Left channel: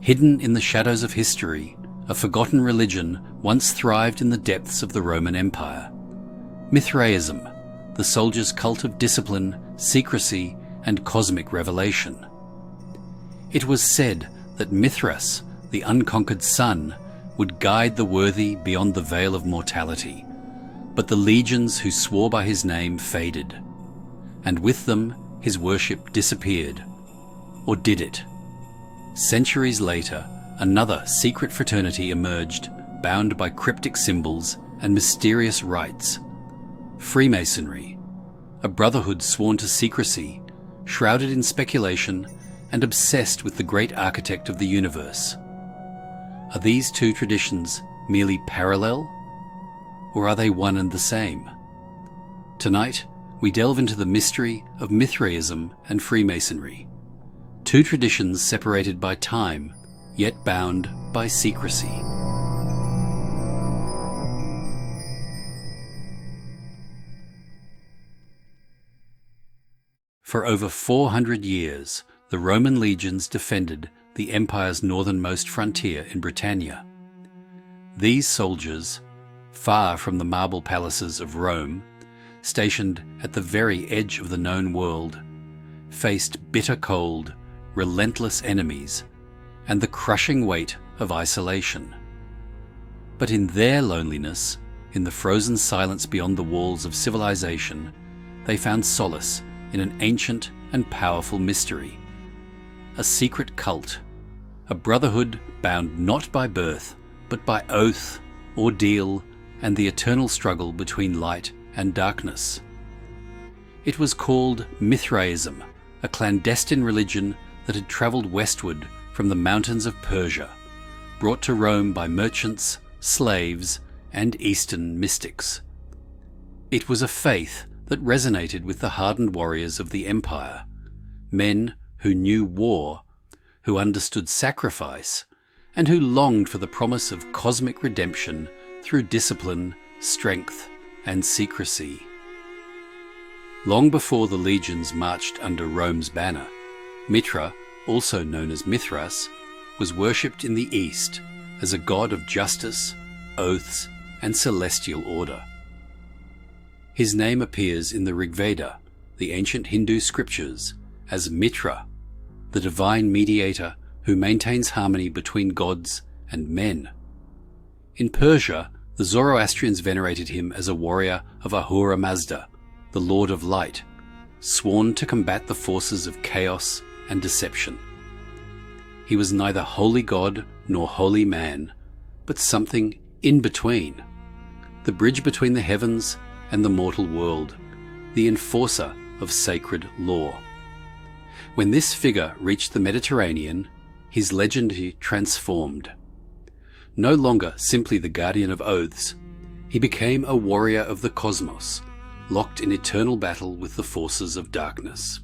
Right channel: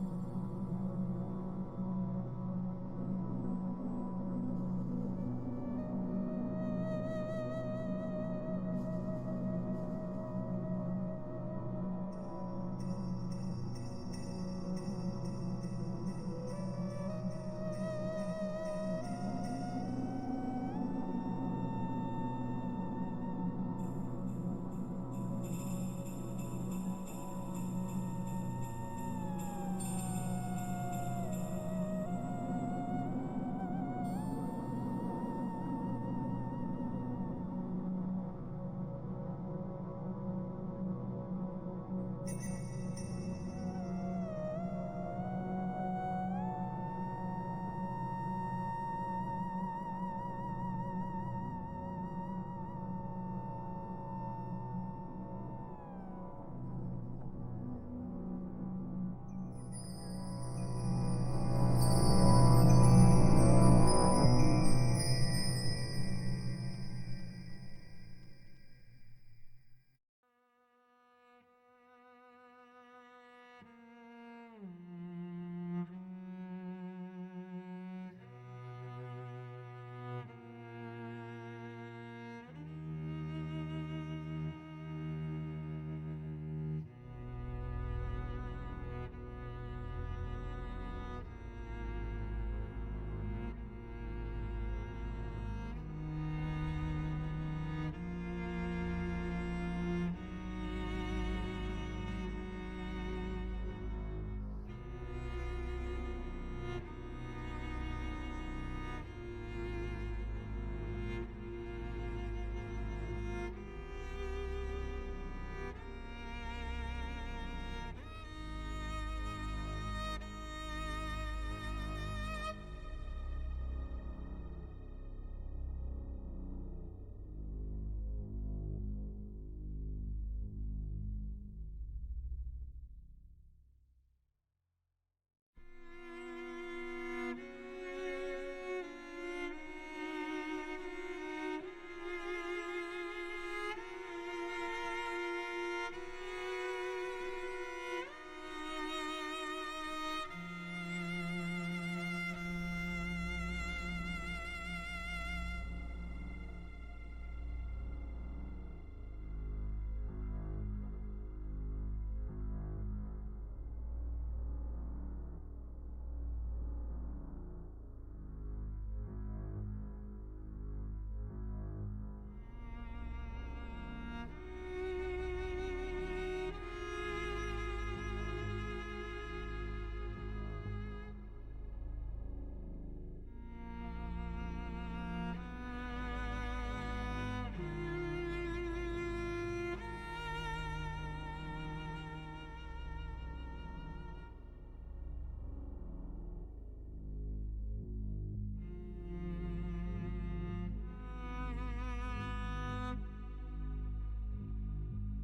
Hidden in the shadows of history, a forgotten religion once thrived in the depths of the Roman Empire. Mithraism, the soldier's cult of discipline, secrecy, and cosmic revelation. It was said that Mithras, the unconquered sun, would guide the worthy beyond the veil of mortality, but the legions who swore by his name faded, and with them his worship disappeared. Or did it? Centuries later, another secret fraternity emerged, bound by cryptic symbols and mysterious rites. Freemasonry, a brotherhood sworn to secrecy, shrouded in speculation and obsessed with the great architect of the universe. Are these two traditions merely parallel, or are they one and the same? Tonight, we delve into the mystery of Mithraism and Freemasonry, two traditions separated by time, yet bound by secrecy. For over 400 years, the Roman legions defended the empire's northernmost frontier in Britannia. These soldiers, far from the marble palaces of Rome, stationed at the very edge of the known world, faced bitter cold, relentless enemies, and the crushing weight of isolation. But in their loneliness, in the frozen silence beyond the walls of civilization, they found solace in an ancient and powerful mystery. A secret cult, a brotherhood bound not by birth, but by oath, ordeal, and the eternal struggle between light and darkness. It was called Mithraism, a clandestine religion that had travelled westward from the mountains of Persia, brought to Rome by merchants, slaves, and Eastern mystics. It was a faith that resonated with the hardened warriors of the empire, men who knew war, who understood sacrifice, and who longed for the promise of cosmic redemption through discipline, strength, and secrecy. Long before the legions marched under Rome's banner, Mithra, also known as Mithras, was worshipped in the East as a god of justice, oaths, and celestial order. His name appears in the Rig Veda, the ancient Hindu scriptures, as Mitra, the divine mediator who maintains harmony between gods and men. In Persia, the Zoroastrians venerated him as a warrior of Ahura Mazda, the Lord of Light, sworn to combat the forces of chaos and deception. He was neither holy god nor holy man, but something in between, the bridge between the heavens and the mortal world, the enforcer of sacred law. When this figure reached the Mediterranean, his legend transformed. No longer simply the guardian of oaths, he became a warrior of the cosmos, locked in eternal battle with the forces of darkness.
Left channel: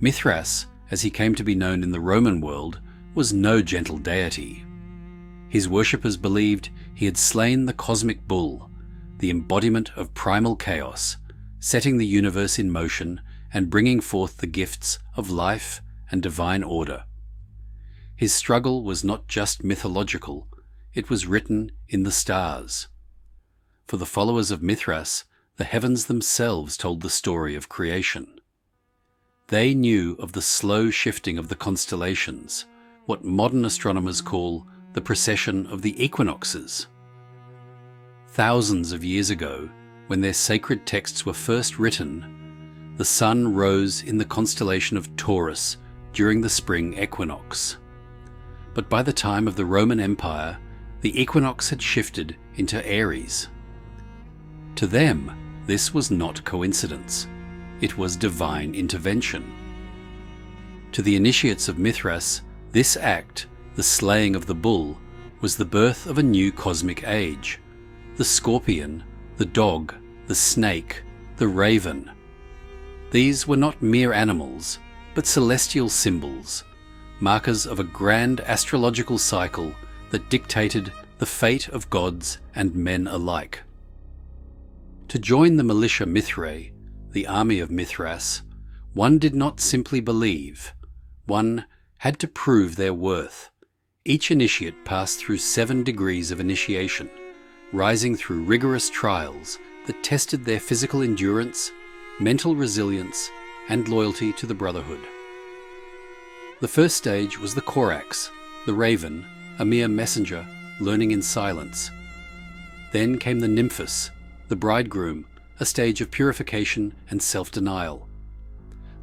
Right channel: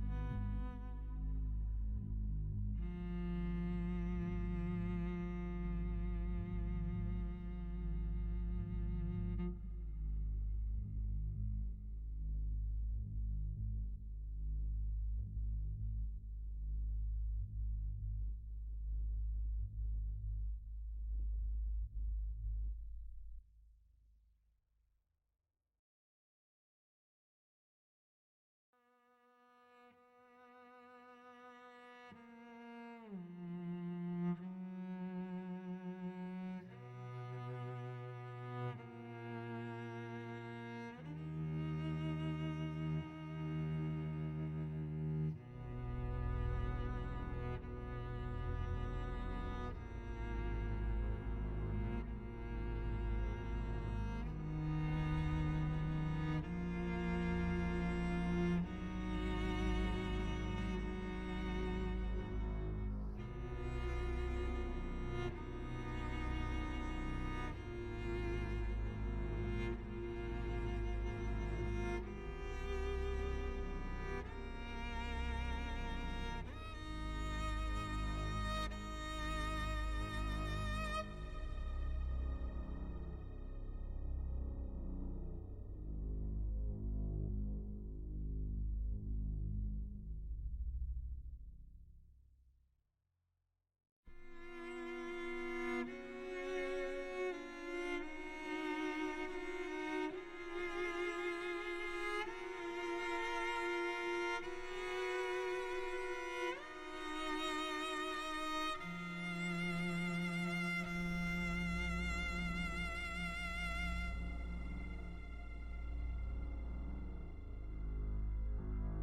Mithras, as he came to be known in the Roman world, was no gentle deity. His worshippers believed he had slain the cosmic bull, the embodiment of primal chaos, setting the universe in motion and bringing forth the gifts of life and divine order. His struggle was not just mythological, it was written in the stars. For the followers of Mithras, the heavens themselves told the story of creation. They knew of the slow shifting of the constellations, what modern astronomers call the precession of the equinoxes. Thousands of years ago, when their sacred texts were first written, the sun rose in the constellation of Taurus during the spring equinox. But by the time of the Roman Empire, the equinox had shifted into Aries. To them, this was not coincidence. It was divine intervention. To the initiates of Mithras, this act, the slaying of the bull, was the birth of a new cosmic age. The scorpion, the dog, the snake, the raven. These were not mere animals, but celestial symbols, markers of a grand astrological cycle that dictated the fate of gods and men alike. To join the militia Mithrae, the army of Mithras, one did not simply believe, one had to prove their worth. Each initiate passed through 7 degrees of initiation, rising through rigorous trials that tested their physical endurance, mental resilience, and loyalty to the Brotherhood. The first stage was the Corax, the Raven, a mere messenger, learning in silence. Then came the Nymphus, the Bridegroom, a stage of purification and self-denial.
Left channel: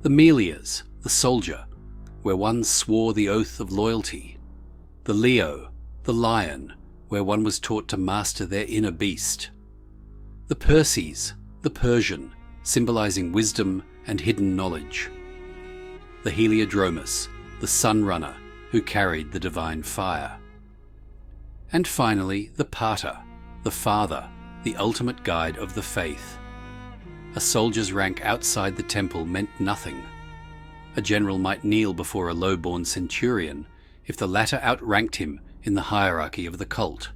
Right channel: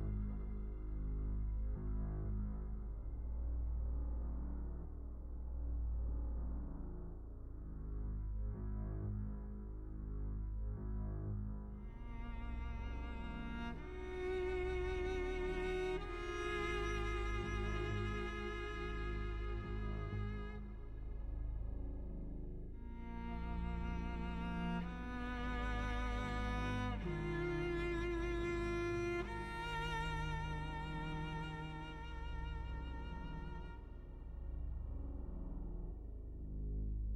The Melias, the Soldier, where one swore the oath of loyalty. The Leo, the Lion, where one was taught to master their inner beast. The Perses, the Persian, symbolizing wisdom and hidden knowledge. The Heliodromus, the Sun Runner, who carried the divine fire. And finally, the Pater, the Father, the ultimate guide of the faith. A soldier's rank outside the temple meant nothing. A general might kneel before a low-born centurion if the latter outranked him in the hierarchy of the cult.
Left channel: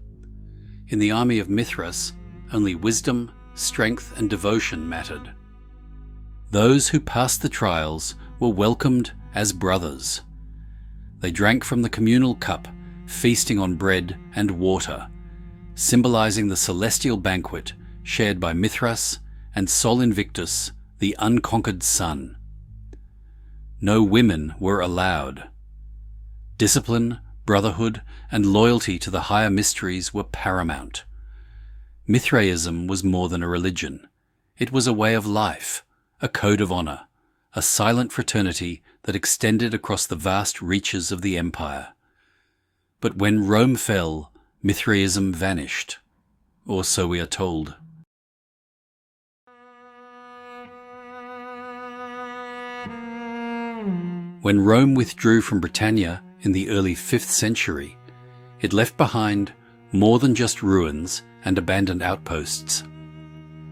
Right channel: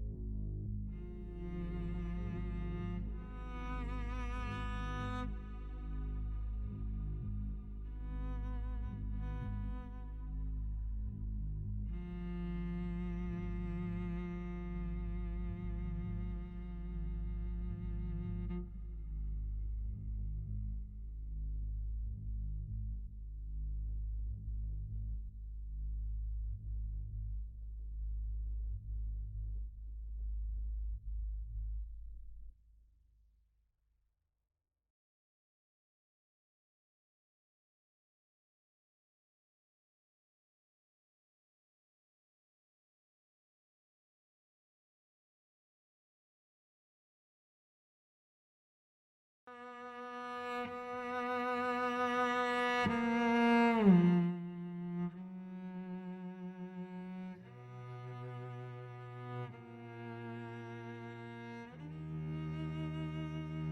In the army of Mithras, only wisdom, strength, and devotion mattered. Those who passed the trials were welcomed as brothers. They drank from the communal cup, feasting on bread and water, symbolizing the celestial banquet shared by Mithras and Sol Invictus, the unconquered sun. No women were allowed. Discipline, brotherhood, and loyalty to the higher mysteries were paramount. Mithraism was more than a religion. It was a way of life, a code of honor, a silent fraternity that extended across the vast reaches of the empire. But when Rome fell, Mithraism vanished, or so we are told. When Rome withdrew from Britannia in the early 5th century, it left behind more than just ruins and abandoned outposts.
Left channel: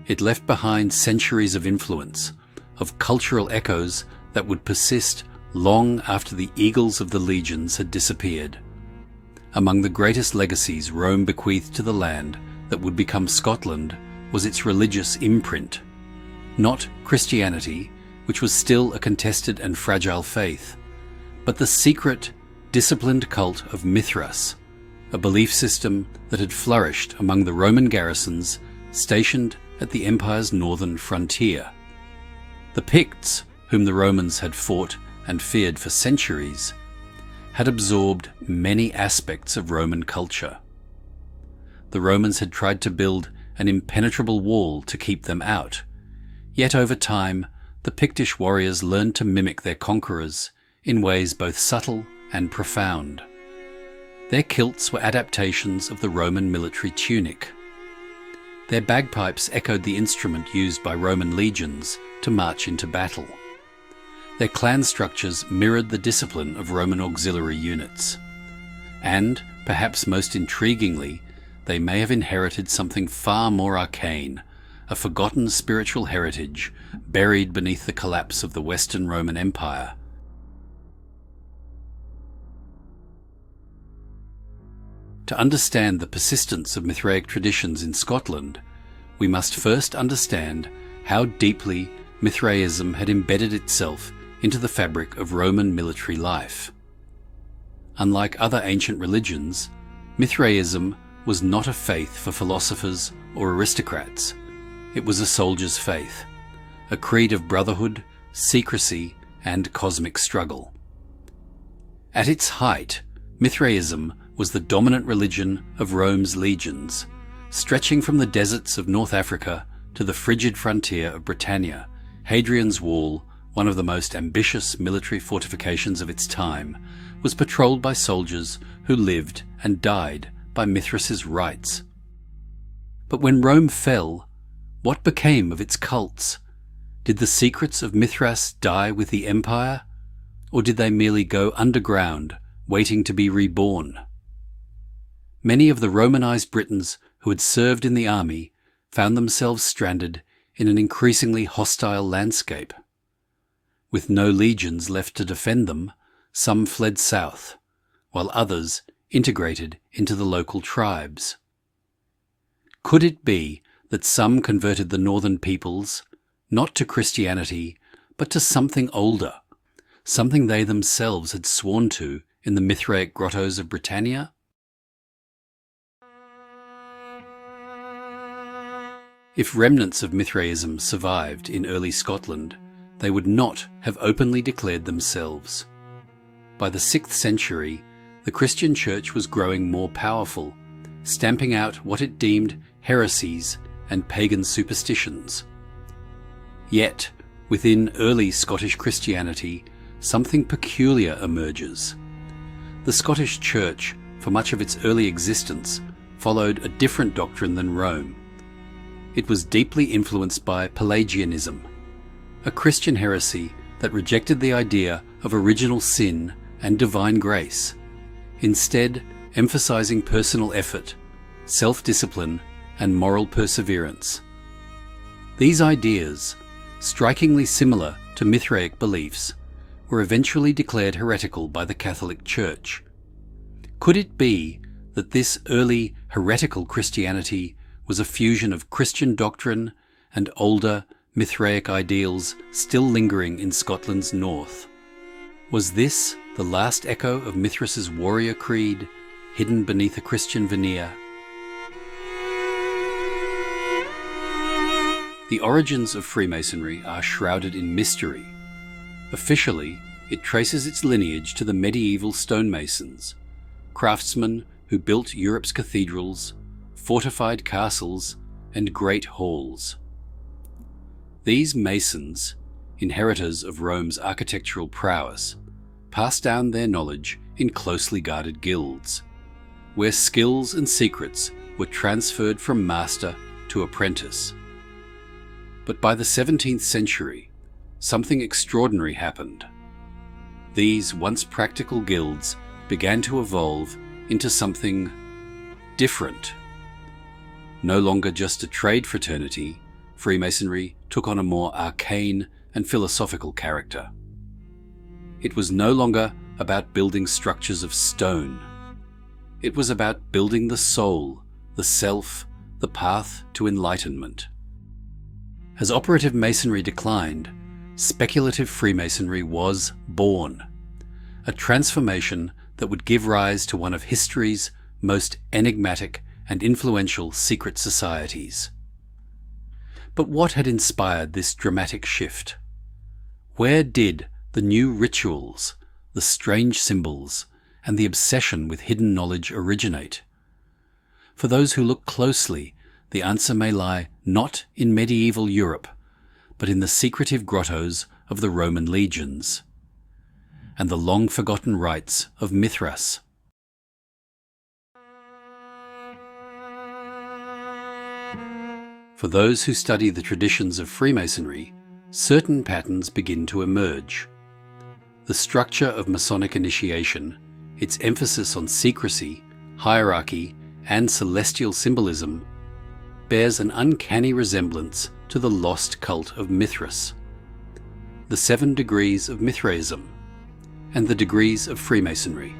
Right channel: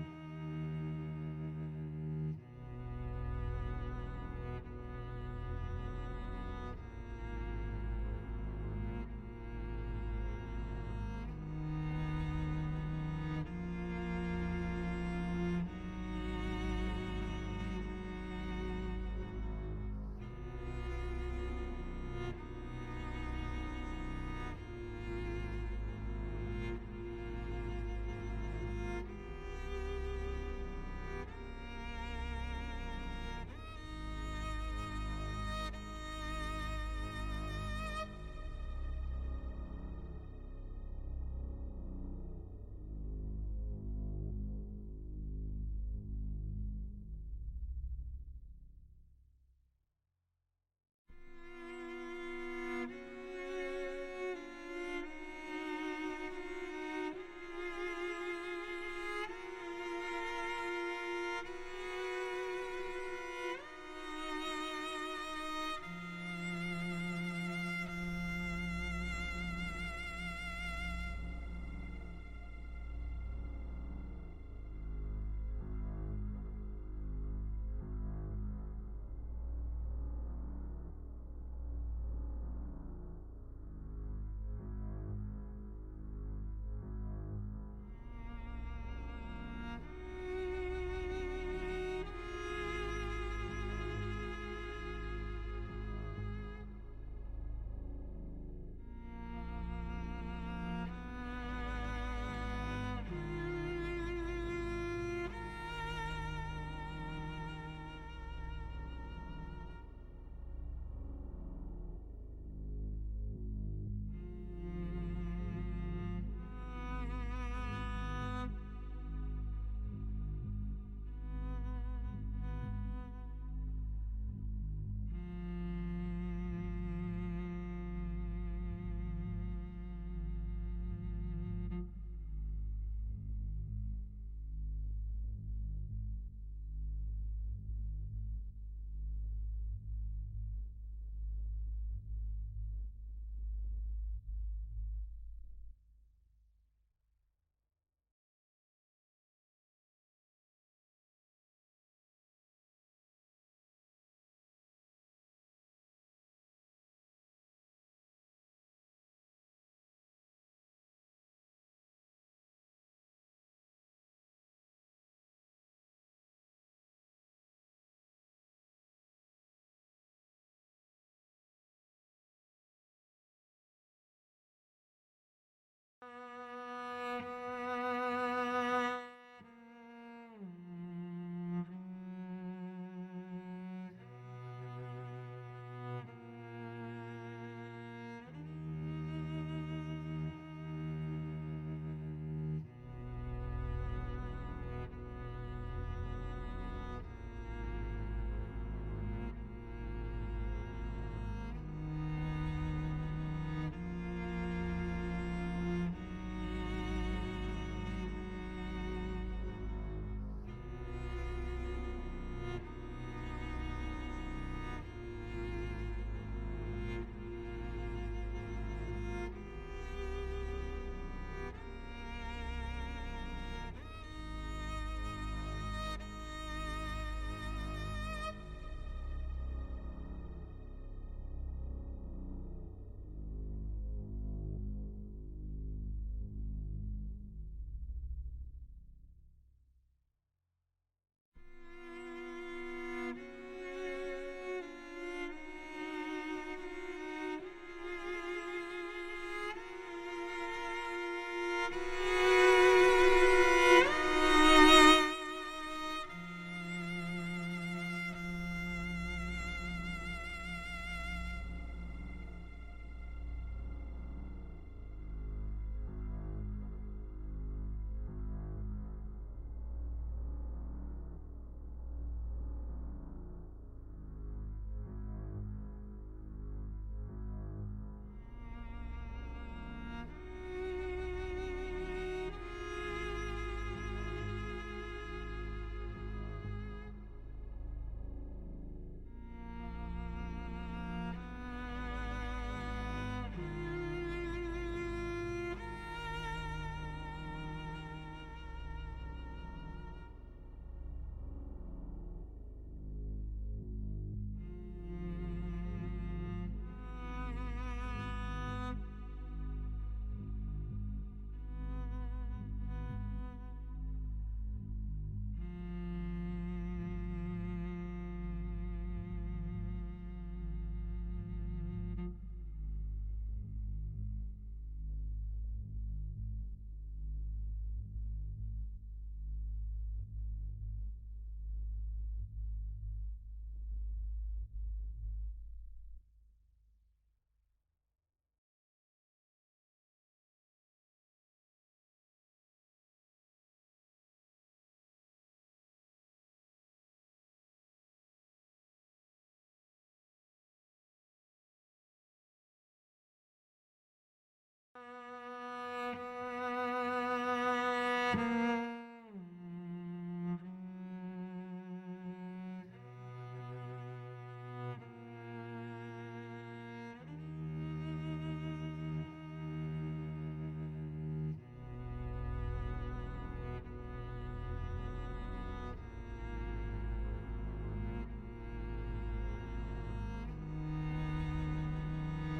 It left behind centuries of influence, of cultural echoes that would persist long after the eagles of the legions had disappeared. Among the greatest legacies Rome bequeathed to the land that would become Scotland was its religious imprint. Not Christianity, which was still a contested and fragile faith, but the secret, disciplined cult of Mithras, a belief system that had flourished among the Roman garrisons stationed at the empire's northern frontier. The Picts, whom the Romans had fought and feared for centuries, had absorbed many aspects of Roman culture. The Romans had tried to build an impenetrable wall to keep them out, yet over time the Pictish warriors learned to mimic their conquerors in ways both subtle and profound. Their kilts were adaptations of the Roman military tunic. Their bagpipes echoed the instrument used by Roman legions to march into battle. Their clan structures mirrored the discipline of Roman auxiliary units. And, perhaps most intriguingly, they may have inherited something far more arcane, a forgotten spiritual heritage buried beneath the collapse of the Western Roman Empire. To understand the persistence of Mithraic traditions in Scotland, we must first understand how deeply Mithraism had embedded itself into the fabric of Roman military life. Unlike other ancient religions, Mithraism was not a faith for philosophers or aristocrats. It was a soldier's faith, a creed of brotherhood, secrecy, and cosmic struggle. At its height, Mithraism was the dominant religion of Rome's legions, stretching from the deserts of North Africa to the frigid frontier of Britannia. Hadrian's Wall, one of the most ambitious military fortifications of its time, was patrolled by soldiers who lived and died by Mithras's rites. But when Rome fell, what became of its cults? Did the secrets of Mithras die with the empire, or did they merely go underground, waiting to be reborn? Many of the Romanized Britons who had served in the army found themselves stranded in an increasingly hostile landscape. With no legions left to defend them, some fled south, while others integrated into the local tribes. Could it be that some converted the northern peoples, not to Christianity, but to something older, something they themselves had sworn to in the Mithraic grottos of Britannia? If remnants of Mithraism survived in early Scotland, they would not have openly declared themselves. By the 6th century, the Christian Church was growing more powerful, stamping out what it deemed heresies and pagan superstitions. Yet, within early Scottish Christianity, something peculiar emerges. The Scottish Church, for much of its early existence, followed a different doctrine than Rome. It was deeply influenced by Pelagianism, a Christian heresy that rejected the idea of original sin and divine grace, instead emphasizing personal effort, self-discipline, and moral perseverance. These ideas, strikingly similar to Mithraic beliefs, were eventually declared heretical by the Catholic Church. Could it be that this early heretical Christianity was a fusion of Christian doctrine and older Mithraic ideals still lingering in Scotland's north? Was this the last echo of Mithras's warrior creed, hidden beneath a Christian veneer? The origins of Freemasonry are shrouded in mystery. Officially, it traces its lineage to the medieval stonemasons, craftsmen who built Europe's cathedrals, fortified castles, and great halls. These masons, inheritors of Rome's architectural prowess, passed down their knowledge in closely guarded guilds, where skills and secrets were transferred from master to apprentice. But by the 17th century, something extraordinary happened. These once practical guilds began to evolve into something different. No longer just a trade fraternity, Freemasonry took on a more arcane and philosophical character. It was no longer about building structures of stone. It was about building the soul, the self, the path to enlightenment. As operative Masonry declined, speculative Freemasonry was born, a transformation that would give rise to one of history's most enigmatic and influential secret societies. But what had inspired this dramatic shift? Where did the new rituals, the strange symbols, and the obsession with hidden knowledge originate? For those who look closely, the answer may lie not in medieval Europe, but in the secretive grottos of the Roman legions, and the long-forgotten rites of Mithras. For those who study the traditions of Freemasonry, certain patterns begin to emerge. The structure of Masonic initiation, its emphasis on secrecy, hierarchy, and celestial symbolism, bears an uncanny resemblance to the lost cult of Mithras, the 7 degrees of Mithraism, and the degrees of Freemasonry.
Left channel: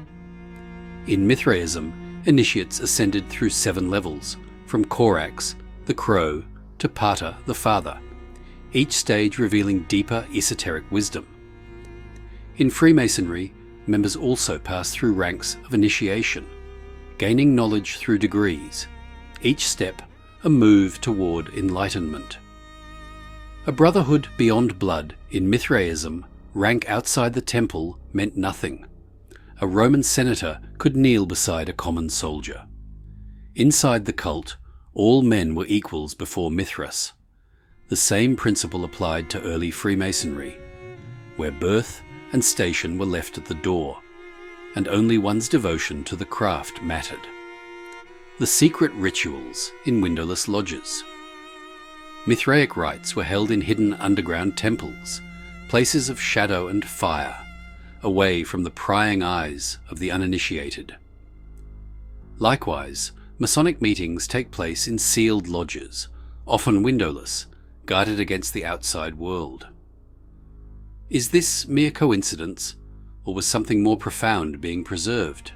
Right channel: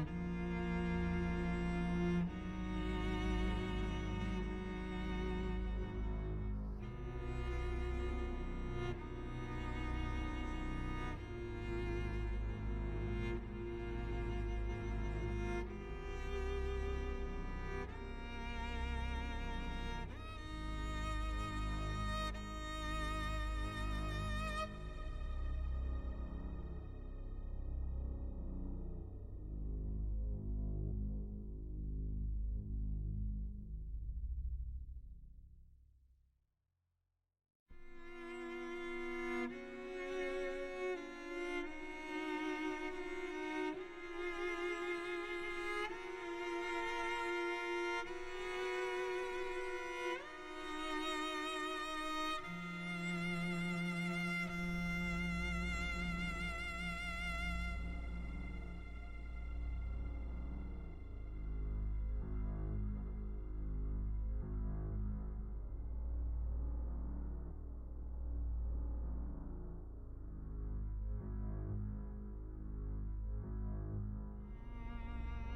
In Mithraism, initiates ascended through 7 levels, from Corax, the Crow, to Pater, the Father, each stage revealing deeper esoteric wisdom. In Freemasonry, members also pass through ranks of initiation, gaining knowledge through degrees, each step a move toward enlightenment. A brotherhood beyond blood in Mithraism, rank outside the temple meant nothing. A Roman senator could kneel beside a common soldier. Inside the cult, all men were equals before Mithras. The same principle applied to early Freemasonry, where birth and station were left at the door, and only one's devotion to the craft mattered. The secret rituals in windowless lodges. Mithraic rites were held in hidden underground temples, places of shadow and fire, away from the prying eyes of the uninitiated. Likewise, Masonic meetings take place in sealed lodges, often windowless, guarded against the outside world. Is this mere coincidence, or was something more profound being preserved?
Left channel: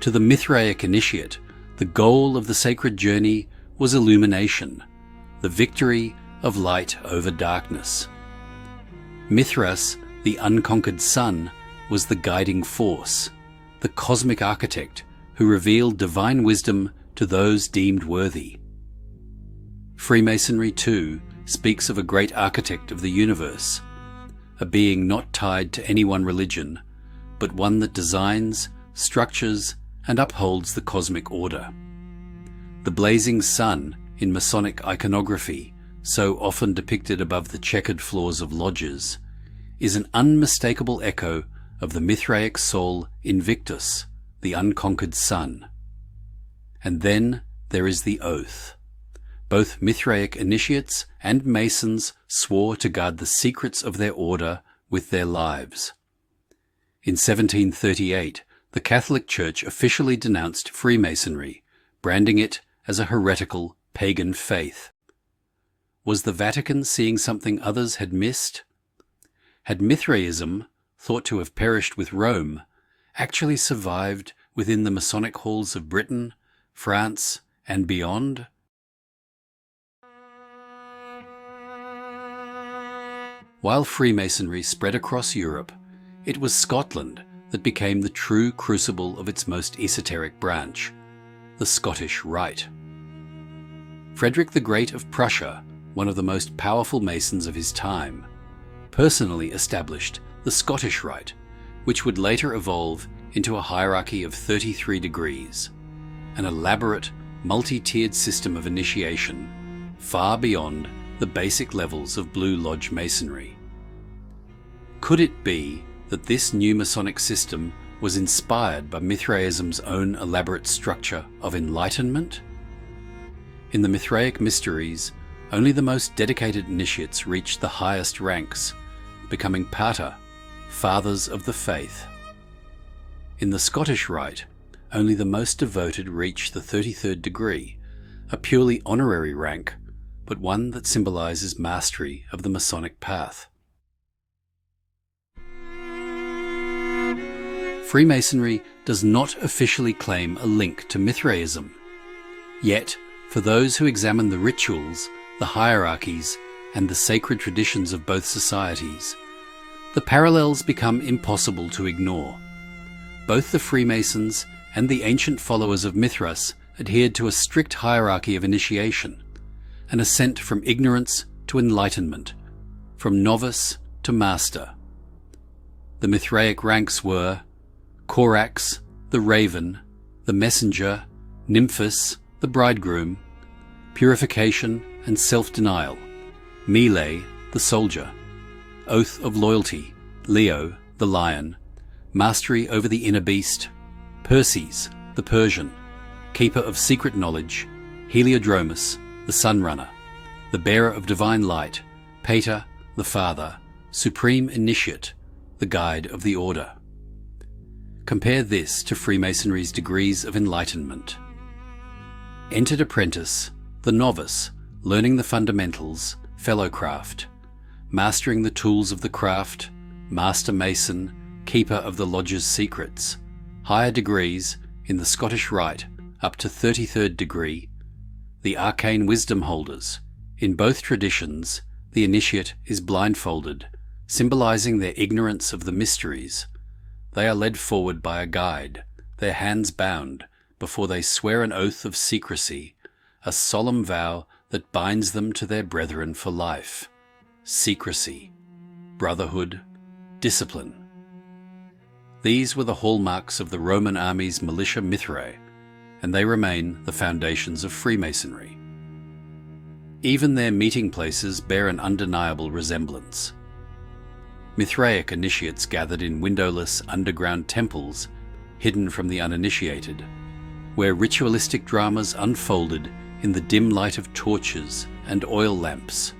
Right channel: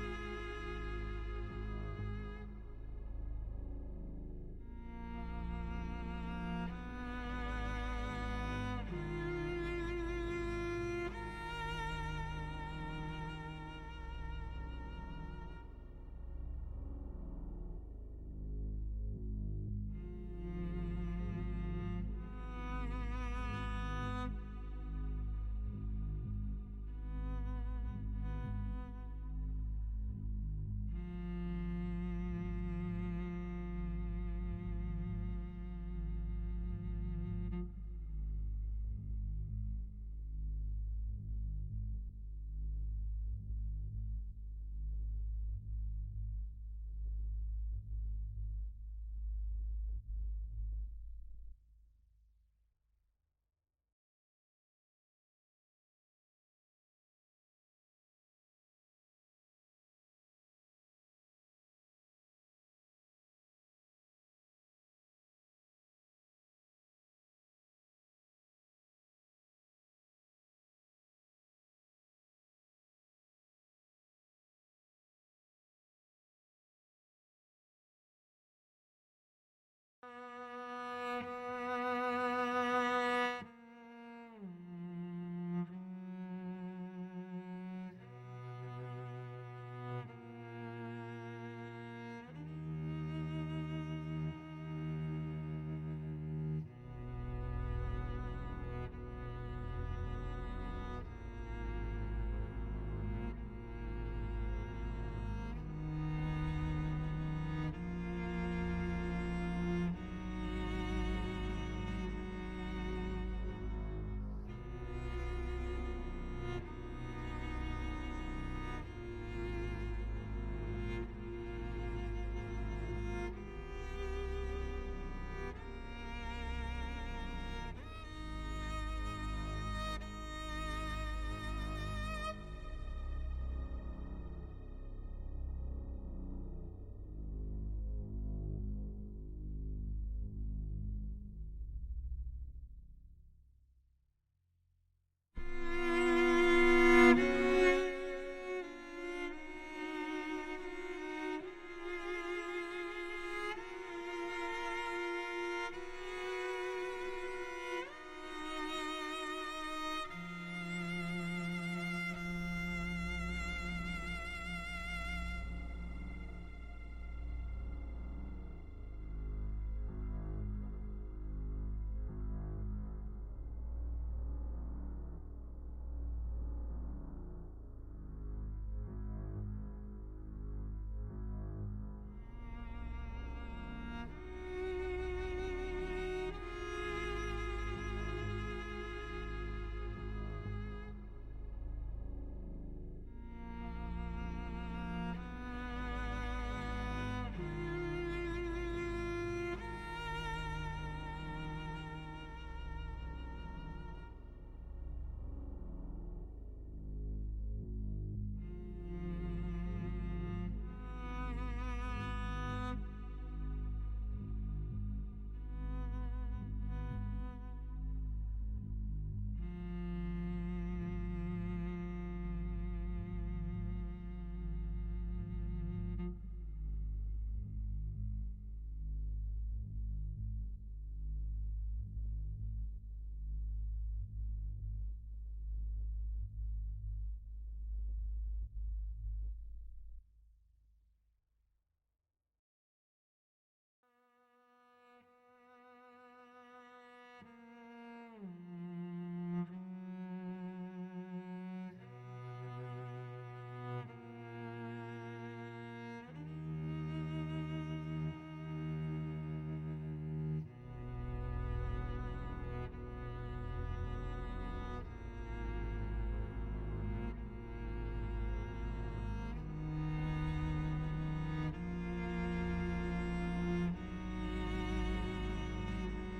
To the Mithraic initiate, the goal of the sacred journey was illumination, the victory of light over darkness. Mithras, the unconquered sun, was the guiding force, the cosmic architect who revealed divine wisdom to those deemed worthy. Freemasonry, too, speaks of a great architect of the universe, a being not tied to any one religion, but one that designs, structures, and upholds the cosmic order. The blazing sun in Masonic iconography, so often depicted above the checkered floors of lodges, is an unmistakable echo of the Mithraic soul Invictus, the unconquered sun. And then there is the oath. Both Mithraic initiates and Masons swore to guard the secrets of their order with their lives. In 1738, the Catholic Church officially denounced Freemasonry, branding it as a heretical pagan faith. Was the Vatican seeing something others had missed? Had Mithraism, thought to have perished with Rome, actually survived within the Masonic halls of Britain, France, and beyond? While Freemasonry spread across Europe, it was Scotland that became the true crucible of its most esoteric branch, the Scottish Rite. Frederick the Great of Prussia, one of the most powerful Masons of his time, personally established the Scottish Rite, which would later evolve into a hierarchy of 33 degrees, an elaborate, multi-tiered system of initiation, far beyond the basic levels of Blue Lodge Masonry. Could it be that this new Masonic system was inspired by Mithraism's own elaborate structure of enlightenment? In the Mithraic mysteries, only the most dedicated initiates reached the highest ranks, becoming pater, fathers of the faith. In the Scottish Rite, only the most devoted reach the 33rd degree, a purely honorary rank, but one that symbolizes mastery of the Masonic path. Freemasonry does not officially claim a link to Mithraism. Yet, for those who examine the rituals, the hierarchies, and the sacred traditions of both societies, the parallels become impossible to ignore. Both the Freemasons and the ancient followers of Mithras adhered to a strict hierarchy of initiation, an ascent from ignorance to enlightenment, from novice to master. The Mithraic ranks were Corax, the raven, the messenger, Nymphus, the bridegroom, purification and self-denial, Melee, the soldier, oath of loyalty, Leo, the lion, mastery over the inner beast, Perses, the Persian, keeper of secret knowledge, Heliodromus, the sunrunner, the bearer of divine light, Pater, the father, supreme initiate, the guide of the order. Compare this to Freemasonry's degrees of enlightenment. Entered apprentice, the novice, learning the fundamentals, fellowcraft, mastering the tools of the craft, master mason, keeper of the lodge's secrets, higher degrees in the Scottish Rite up to 33rd degree, the arcane wisdom holders. In both traditions, the initiate is blindfolded, symbolizing their ignorance of the mysteries. They are led forward by a guide, their hands bound, before they swear an oath of secrecy, a solemn vow that binds them to their brethren for life. Secrecy, brotherhood, discipline. These were the hallmarks of the Roman army's militia Mithrae, and they remain the foundations of Freemasonry. Even their meeting places bear an undeniable resemblance. Mithraic initiates gathered in windowless underground temples hidden from the uninitiated, where ritualistic dramas unfolded in the dim light of torches and oil lamps.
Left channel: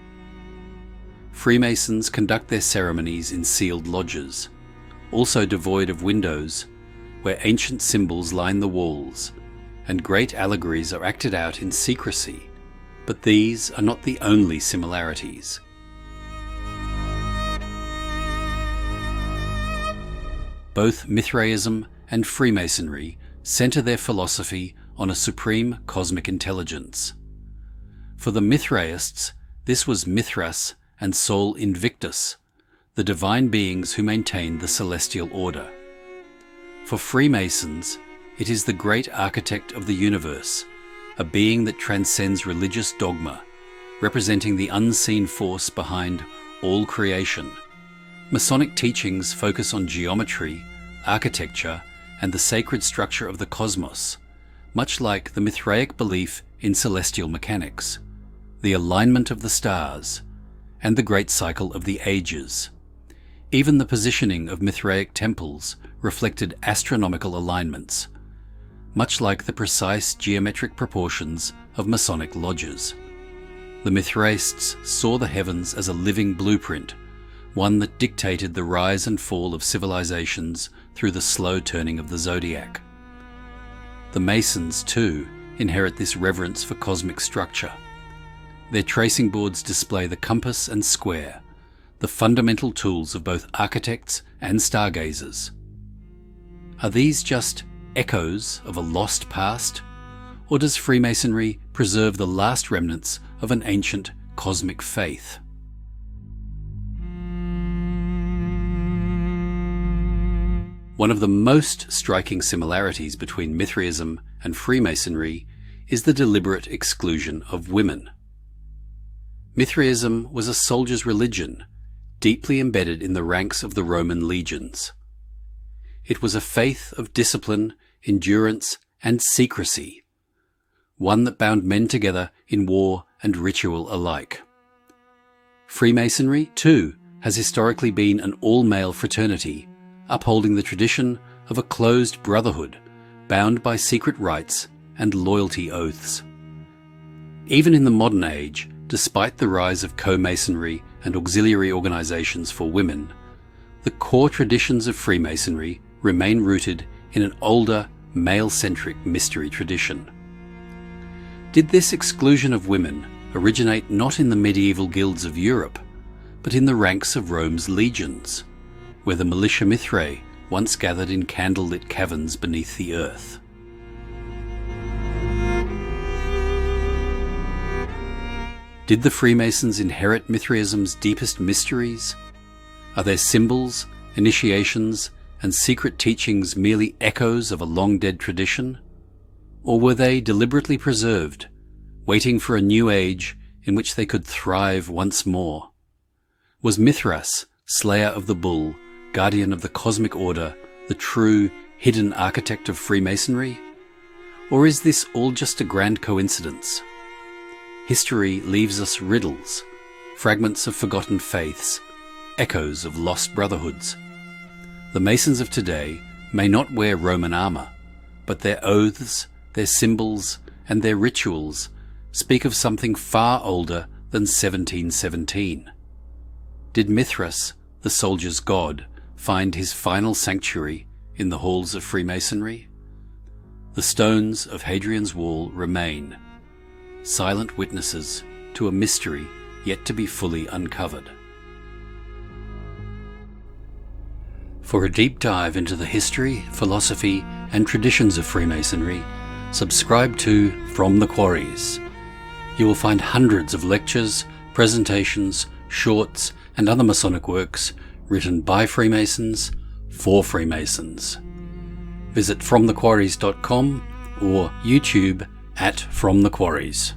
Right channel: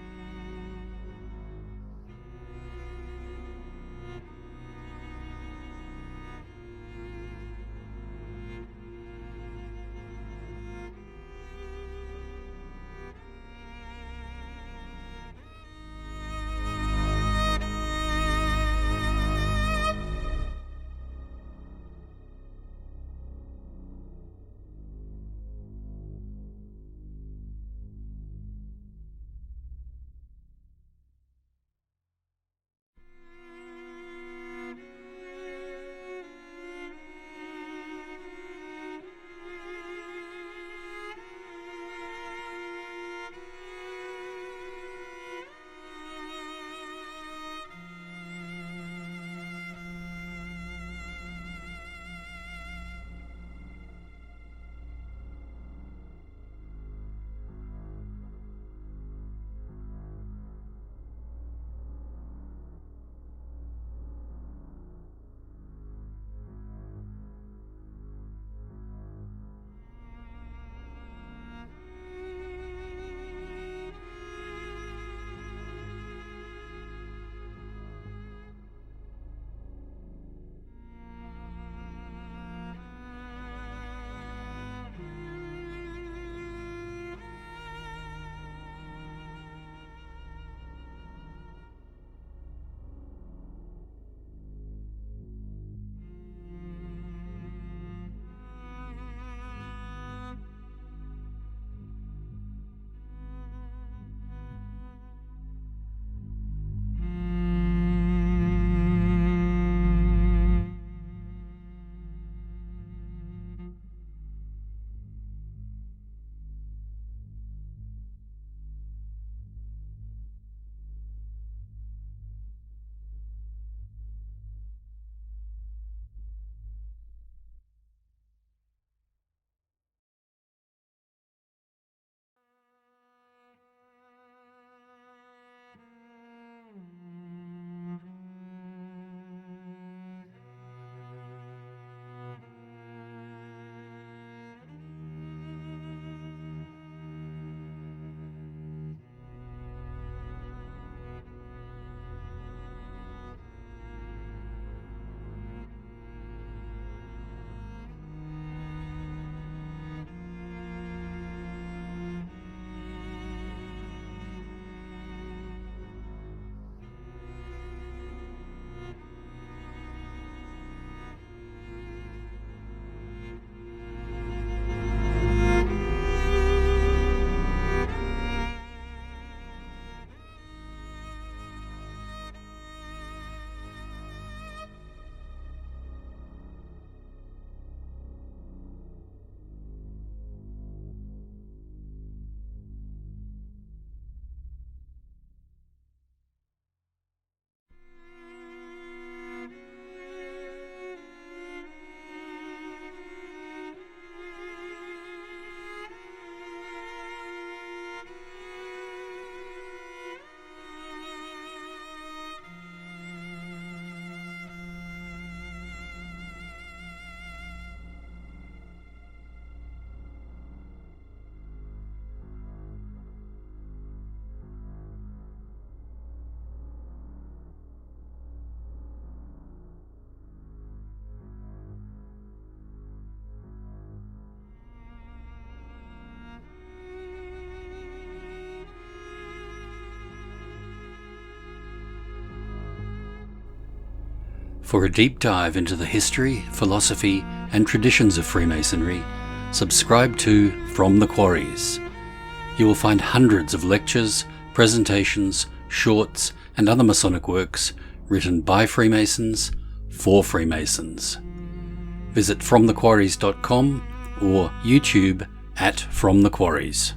Freemasons conduct their ceremonies in sealed lodges, also devoid of windows, where ancient symbols line the walls, and great allegories are acted out in secrecy. But these are not the only similarities. Both Mithraism and Freemasonry center their philosophy on a supreme cosmic intelligence. For the Mithraists, This was Mithras and Sol Invictus, the divine beings who maintained the celestial order. For Freemasons, it is the great architect of the universe, a being that transcends religious dogma, representing the unseen force behind all creation. Masonic teachings focus on geometry, architecture, and the sacred structure of the cosmos, much like the Mithraic belief in celestial mechanics, the alignment of the stars, and the great cycle of the ages. Even the positioning of Mithraic temples reflected astronomical alignments, much like the precise geometric proportions of Masonic lodges. The Mithraists saw the heavens as a living blueprint, one that dictated the rise and fall of civilizations through the slow turning of the zodiac. The Masons, too, inherit this reverence for cosmic structure. Their tracing boards display the compass and square, the fundamental tools of both architects and stargazers. Are these just echoes of a lost past, or does Freemasonry preserve the last remnants of an ancient cosmic faith? One of the most striking similarities between Mithraism and Freemasonry is the deliberate exclusion of women. Mithraism was a soldier's religion, deeply embedded in the ranks of the Roman legions. It was a faith of discipline, endurance, and secrecy, one that bound men together in war and ritual alike. Freemasonry, too, has historically been an all-male fraternity, upholding the tradition of a closed brotherhood, bound by secret rites and loyalty oaths. Even in the modern age, despite the rise of co-masonry and auxiliary organizations for women, the core traditions of Freemasonry remain rooted in an older, male-centric mystery tradition. Did this exclusion of women originate not in the medieval guilds of Europe, but in the ranks of Rome's legions, where the militia Mithrae once gathered in candlelit caverns beneath the earth? Did the Freemasons inherit Mithraism's deepest mysteries? Are their symbols, initiations, and secret teachings merely echoes of a long-dead tradition? Or were they deliberately preserved, waiting for a new age in which they could thrive once more? Was Mithras, slayer of the bull, guardian of the cosmic order, the true, hidden architect of Freemasonry? Or is this all just a grand coincidence? History leaves us riddles, fragments of forgotten faiths, echoes of lost brotherhoods. The Masons of today may not wear Roman armor, but their oaths, their symbols, and their rituals speak of something far older than 1717. Did Mithras, the soldier's god, find his final sanctuary in the halls of Freemasonry? The stones of Hadrian's Wall remain, silent witnesses to a mystery yet to be fully uncovered. For a deep dive into the history, philosophy, and traditions of Freemasonry, subscribe to From the Quarries. You will find hundreds of lectures, presentations, shorts, and other Masonic works written by Freemasons for Freemasons. Visit FromTheQuarries.com or YouTube at From the Quarries.